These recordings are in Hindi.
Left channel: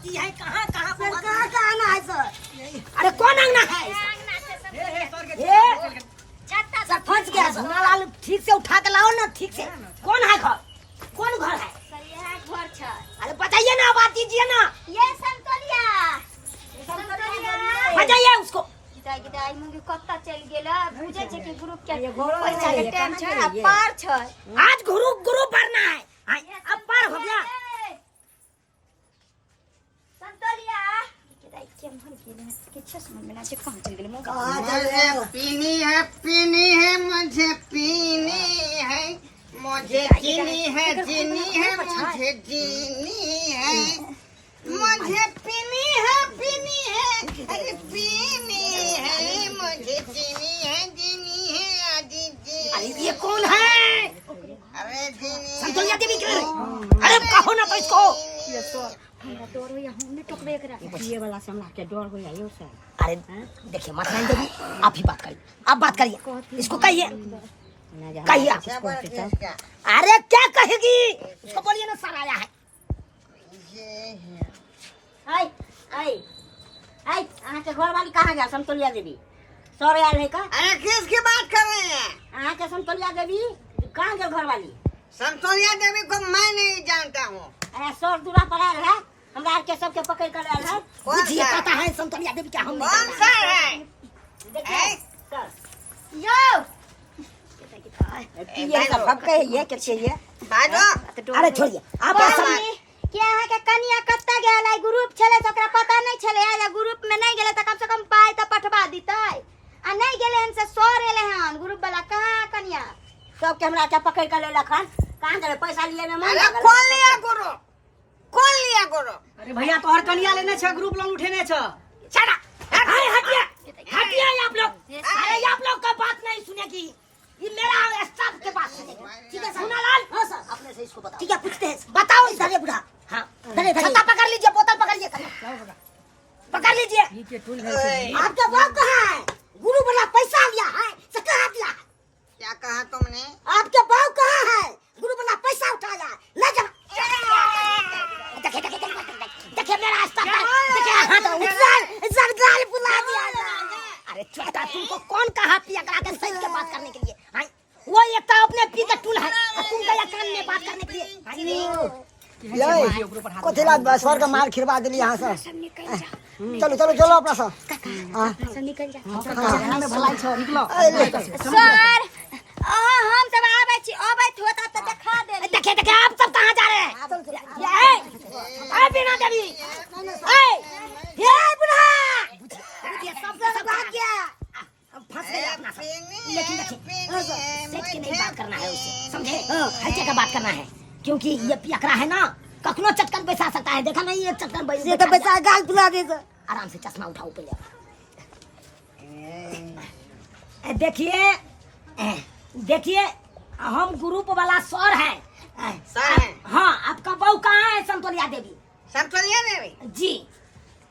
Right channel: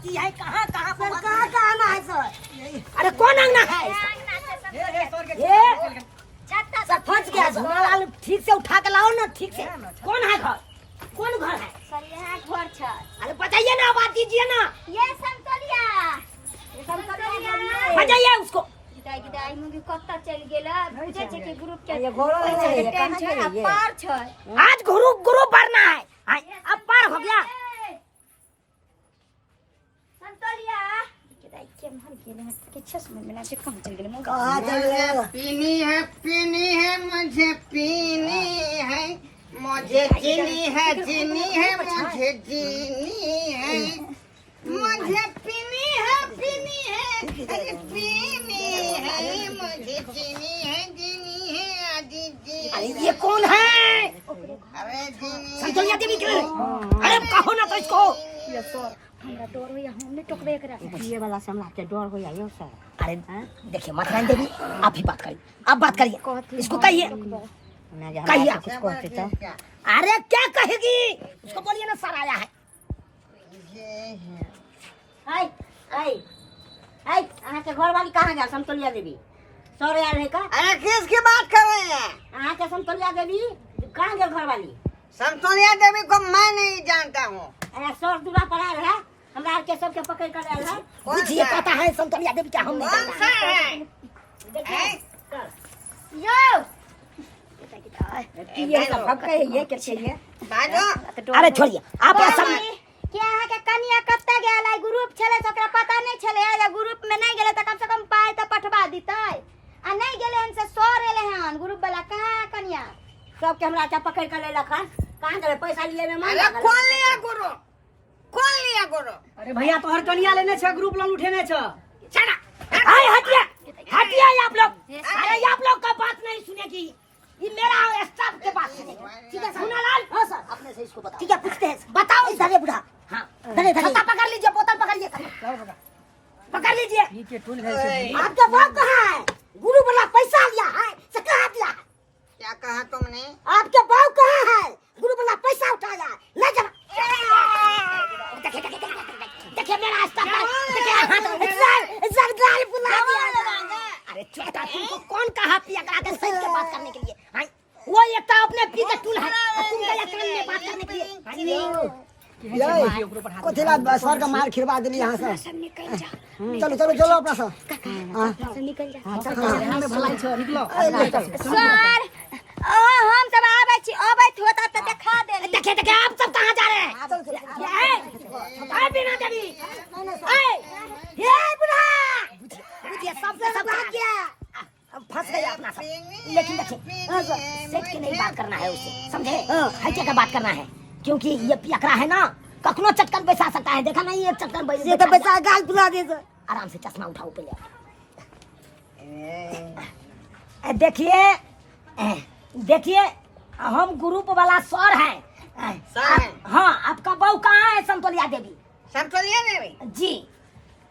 बाती है कहाँ कहाँ कहाँ आना है सर? अरे कौन अंगना है सर फंस गया झोलालाल ठीक से उठा के लाओ ना ठीक से कौन है घर कौन घर है सर यहाँ घर छ। अरे बताइए ना बात कीजिए ना ये संतोलिया बताइए उसको दाई मुंगी कत्ता चल गेला पूछे छे कि ग्रुप चल ये घोड़ो है, ये कहाँ चले ये? पार छ। आज गुरु भरना है अब पार हो गया संतोलिया के दाई के मन गेले हैं के छस मन में ना से कहां चल गेले मोगा कहाँ चल रहे हो? पीनी है मुझे पीनी है मुझे जीनी है मुझे जीनी है मुझे पीनी है अरे पीनी है मुझे जीनी है अजीजी अरे ये कौन है अरे जीनी संतोलिया देवी के अरे कहो ना तो इसको ये सर हमरा डर होया हमने टोकबे करा ये वाला से हमरा के डर हो जाइयो सर। अरे देखिए मतलान देवी आप ही बात करिए आप बात करिए इसको कहिए कहिए आप इसको कहते हैं। अरे क्या कहेगी उसको बोलिए ना सर आया है ये है हाय हाय हाय अहाँ के घर वाली कहाँ गया संतोलिया देवी? सर यार है का? अरे किसकी बात कर रहे हैं अहाँ के संतोलिया देवी कहाँ गया घर वाली? संतोलिया देवी को मैं नहीं जानता हूँ अरे सर दूरा पर आयल है हमरा के सबके पकड़ कर आयल है। बुझिए पता है संतोलिया देवी क्या हम नहीं कौन जानते सा है देखिए सर यो ये सब पक्का है ये कैसे ये? भागो अरे छोड़िए आप ऐसा क्या है के कनिया कत्ता गेला ग्रुप छले तो ओकरा पता नहीं छले या ग्रुप में नहीं गेले तो कम से कम पाए तो पठवा दीतै आ नहीं गेले हन से सर एले हन ग्रुप वाला कहां कनिया सबके हमरा के पकड़ कर ले लखन कहाँ गए पैसा लिए में अरे कौन लिया गुरु अरे भैया तो हर कनिया लेने छ ग्रुप लोन उठेने छ चला हाय हटिए हटिए आप लोग अरे आप लोग का बात नहीं सुनेगी ये मेरा स्टाफ के पास है ठीक है सोनालाल हां सर अपने से इसको बताओ ठीक है पूछते हैं बताओ इधर बुढ़ा हां धरे छत्ता पकड़ लीजिए बोतल पकड़िए पकड़ लीजिए ये टूल है आपका बाप कहाँ है गुरु वाला पैसा लिया है से कहाँ दिया है क्या कहा तुमने आपके बाप कहाँ है गुरु वाला पैसा उठाया है ले जा देखिए मेरा स्टाफ देखिए सर गाल बुला दिया अरे छोटा तुमको कौन कहा पिया करा के सही से बात करने के लिए हां वो एक तो अपने पी के टूल है तुम गया कान में बात करने के लिए कोथिला सर का मार खिरवा देली यहां से। सब निकल जा चलो चलो चलो अपना सर सब निकल जा भलाई छो निकलो। सर हम सब आबै होता तो दिखा दे देखिए देखिए आप सब कहाँ जा रहे हैं ये बिना देवी ये बिना ये सबसे सब बात किया अब फंस गए अपना सब लेकिन देखिए सेठ की नहीं बात करना है उससे समझे हल्के का बात करना है क्योंकि ये पियकरा है ना कखनो चटकन बैसा सकता है देखा नहीं एक चटकन ये तो बेचा गाल फुला दे सर। आराम से चश्मा उठाओ पहले देखिए देखिए हम ग्रुप वाला सर हैं हाँ आपका बहू कहाँ है संतोलिया देवी संतोलिया देवी जी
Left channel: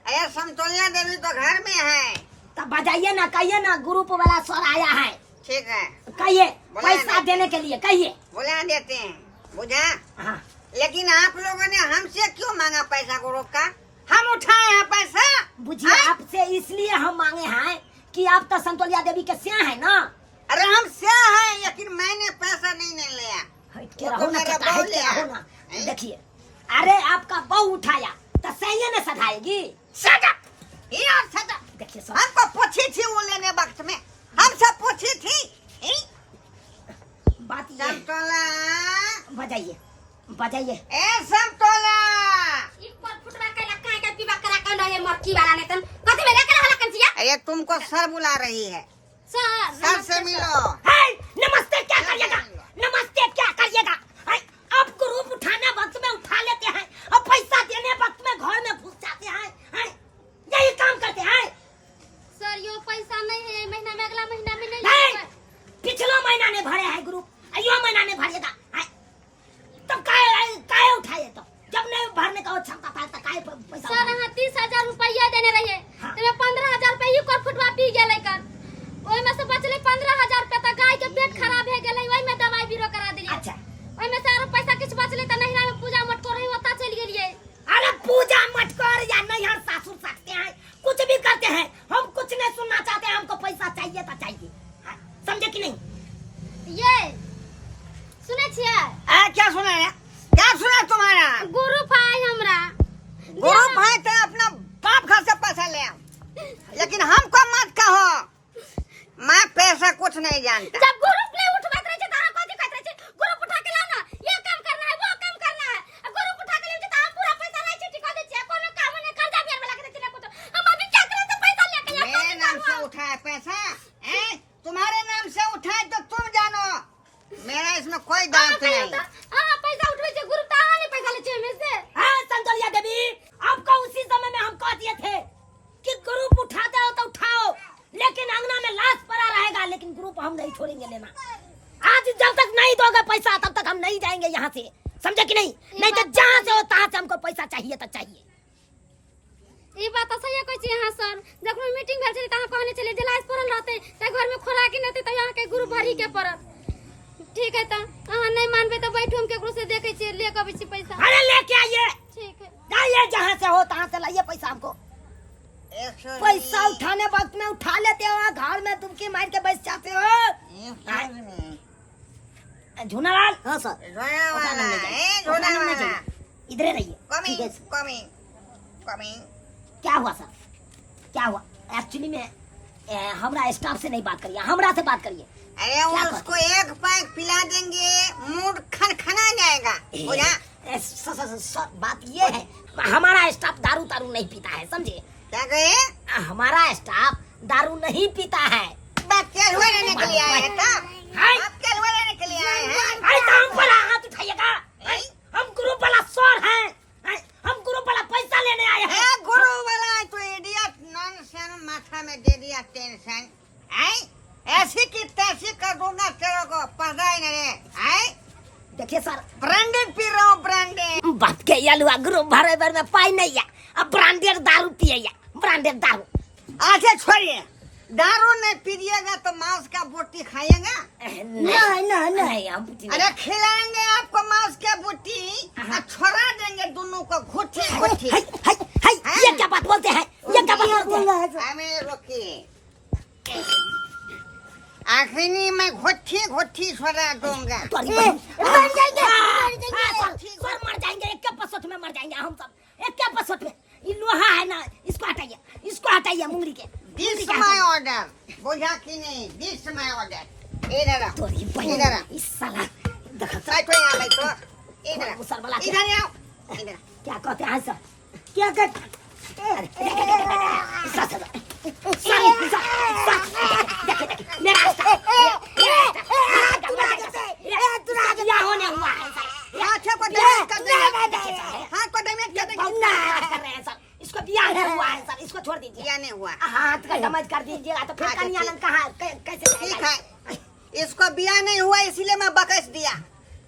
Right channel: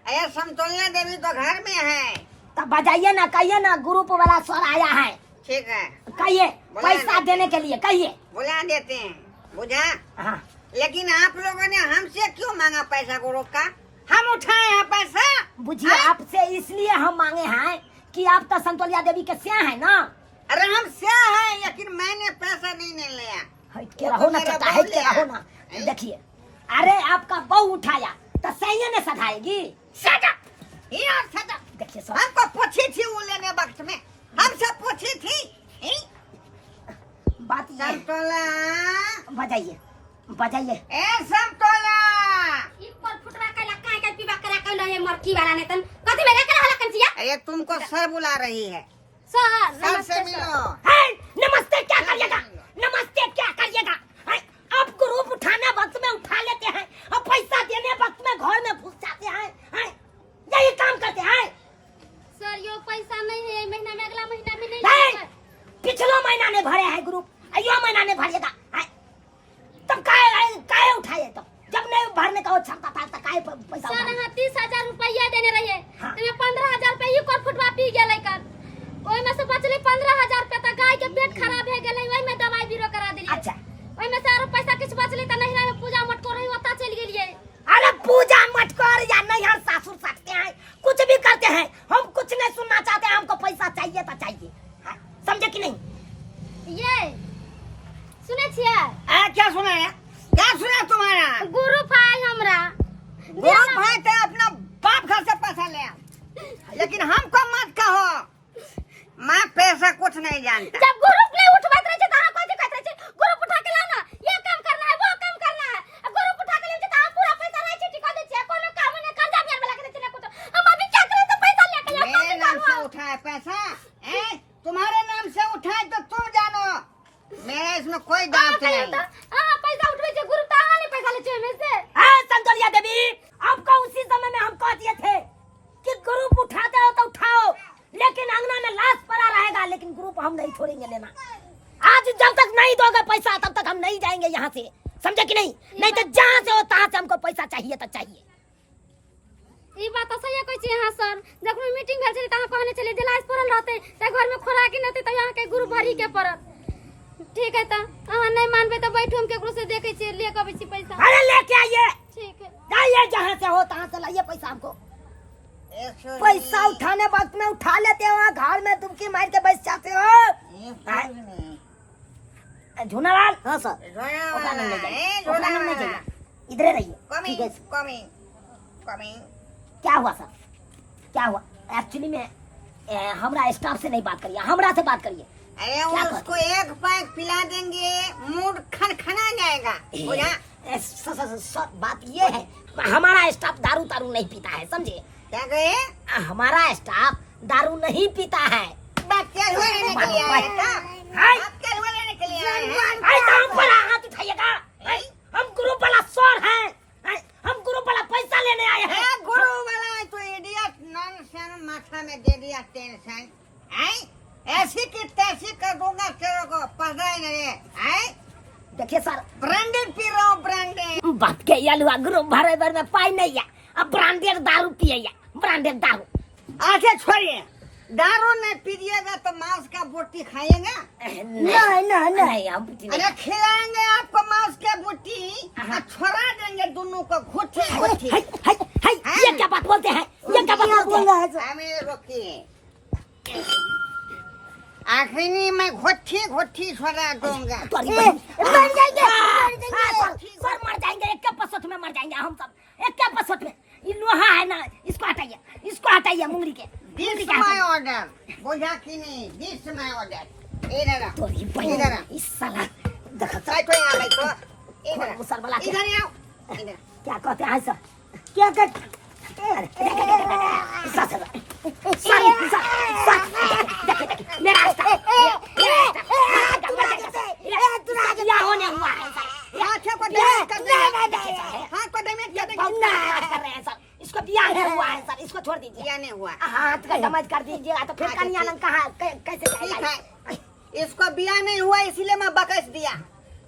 अरे संतोलिया देवी तो घर में है तब बजाइए ना कहिए ना ग्रुप वाला सर आया है ठीक है कहिए पैसा देने के लिए कहिए बुला देते हैं बुझा हाँ लेकिन आप लोगों ने हमसे क्यों मांगा पैसा गुरु का हम उठाए हैं पैसा बुझिए आपसे इसलिए हम मांगे हैं कि आप तो संतोलिया देवी के स्या है ना अरे हम से हैं लेकिन मैंने पैसा नहीं लिया हट के रहो ना चाचा हट के रहो ना देखिए अरे आपका बहू उठाया तो सही ने सधाएगी देखिए सर हमको पूछी थी वो लेने वक्त में हमसे पूछी थी बात ये है। संतोला बजाइए बजाइए ए संतोला ई पर फुटवा कला काहे के पीवा करा कल है मरकी वाला ने तन कथि में लेकर हला कंसिया अरे तुमको सर बुला रही है सर सर से नमस्ते मिलो है नमस्ते क्या करिएगा नमस्ते क्या करिएगा आप ग्रुप उठाने वक्त में उठा लेते हैं और पैसा देने वक्त में घर में घुस जाते हैं यही काम करते हैं सर यो पैसा नहीं है महीना में अगला महीना में नहीं पिछला महीना ने भरे हैं ग्रुप अयो महीना ने भरिएगा तब काय उठाए तो जब नहीं भरने का क्षमता था तो काय पैसा सर हां 30,000 रुपया देने रहिए तमे 15,000 रुपया ई कर फुटवा पी गेलै कर ओइ में से बचले 15,000 रुपया त गाय के पेट खराब भ गेलै ओइ में दवाई बीरो करा देलिए अच्छा ओइ में से आरो पैसा किछ बचले त नहिरा में पूजा मटको रही ओता चल गेलिए अरे पूजा मटकोर है पैसा? तुम्हारे नाम से उठाए तो तुम जानो, मेरा इसमें कोई दांत नहीं। पैसा उठवे छे गुरु तावा ने पैसा ले छे में से। हाँ संतोलिया देवी, आपका उसी समय में हम कह दिए थे कि ग्रुप उठाते हो तो उठाओ, लेकिन अंगना में लाश पड़ा रहेगा, लेकिन ग्रुप हम नहीं छोड़ेंगे लेना। आज जब तक नहीं दोगे पैसा तब तक हम नहीं जाएंगे यहाँ से, समझे कि नहीं? नहीं तो जहाँ से हो तहाँ से हमको पैसा चाहिए तो चाहिए। ई बात सही है, कहै छी हां सर। जखन मीटिंग भेल छले त अहाँ कहने छले जिला पड़ल रहते त घर में खोराकी नते त यहाँ के गुरु भरी के पड़त। ठीक है त अहाँ नहीं मानबे त बैठो, हम केकरो से देखे छी ले कबै छी पैसा। अरे लेके आइए, ठीक है जाइए जहाँ से हो तहाँ से लाइए पैसा हमको। पैसा उठाने वक्त में उठा लेते हो, घर में तुमकी मार के बैठ जाते हो। झूनालाल, हाँ सर, इधर रहिए। ठीक है सर। क्या हुआ सर, क्या हुआ? एक्चुअली में हमरा स्टाफ से नहीं बात करिए, हमरा से बात करिए। अरे उसको एक पैक पिला देंगे, मूड खनखना जाएगा। सर बात ये है, हमारा स्टाफ दारू तारू नहीं पीता है, समझे? क्या कहे? हमारा स्टाफ दारू नहीं पीता है। बात क्या हुआ लेने के लिए आए का? बात क्या हुआ लेने के लिए आए हैं? हम पर हाथ उठाइएगा, हम ग्रुप वाला सर हैं, हम ग्रुप वाला पैसा लेने आए हैं। गुरु वाला तो इडियट नॉनसेंस माथा में दे दिया टेंशन। ऐसी की तैसी कर दूंगा तेरे को, पता ही नहीं। देखिए सर, ब्रांडेड पी रहा हूँ, ब्रांडेड। बात के यालुआ ग्रुप भरे भर में पाई नहीं है, अब ब्रांडेड दारू पिए, ब्रांडेड दारू। अच्छा छोड़िए, दारू नहीं पीजिएगा तो मांस का बोटी खाइएगा? नहीं हम अरे खिलाएंगे आपको मांस का बोटी, छोड़ा देंगे दोनों को घुट्टी घुट्टी। ये क्या बात बोलते हैं, ये क्या बात बोलते हैं? हमें रोकिए, आखिरी में घुट्टी घुट्टी छोड़ा दूंगा। मर जाएंगे सर, मर जाएंगे, एक पसोट में मर जाएंगे हम सब, एक पसोट में। ये लोहा है ना, इसको हटाइए, इसको हटाइए मुंगरी के। दिस माय ऑर्डर, बुझा कि नहीं? This my order. इधर आ, तोरी बहन, इस साला देखो साइड पे आ गई तो इधर मुसर वाला इधर आओ। इधर क्या कहते हैं सर, क्या कहते होने हुआ है सर, इसको बियाह नहीं हुआ है सर, इसको छोड़ दीजिए। क्या नहीं हुआ? हाथ का डैमेज कर दीजिएगा तो फिर कन्या कहाँ कैसे ठीक जाएगा? है, इसको बिया नहीं हुआ इसलिए मैं बकस दिया,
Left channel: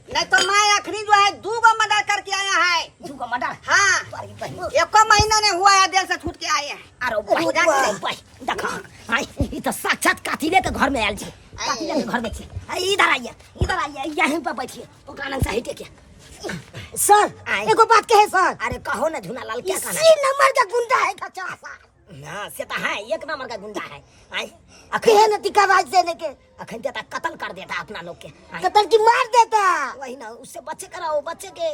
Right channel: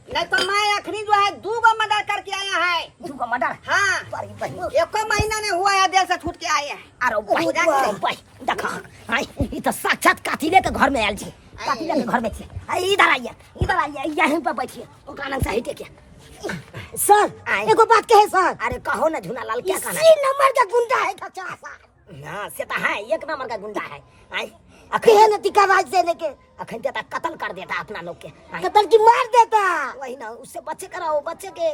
नहीं तो मैं आखिरी जो है 2 मर्डर करके आया है। 2 मर्डर? हाँ, एक महीना नहीं हुआ है देर से छूट के आए हैं। अरे भाई देखा, ये तो साक्षात कातिले के घर में आयल छी, कातिले के घर में छी। इधर आइए, इधर आइए, यहीं पर बैठिए, ओकरा नंग सही टेकिए। सर एगो बात कहे सर। अरे कहो ना झूनालाल, क्या कहना? इसी नंबर का गुंडा है खचा सर। ना से तो है, 1 नंबर का गुंडा है। अखन टिका राज से लेके अखन देता कत्ल कर देता अपना लोग के, कत्ल की मार देता। वही ना, उससे बच्चे कराओ, बच्चे के।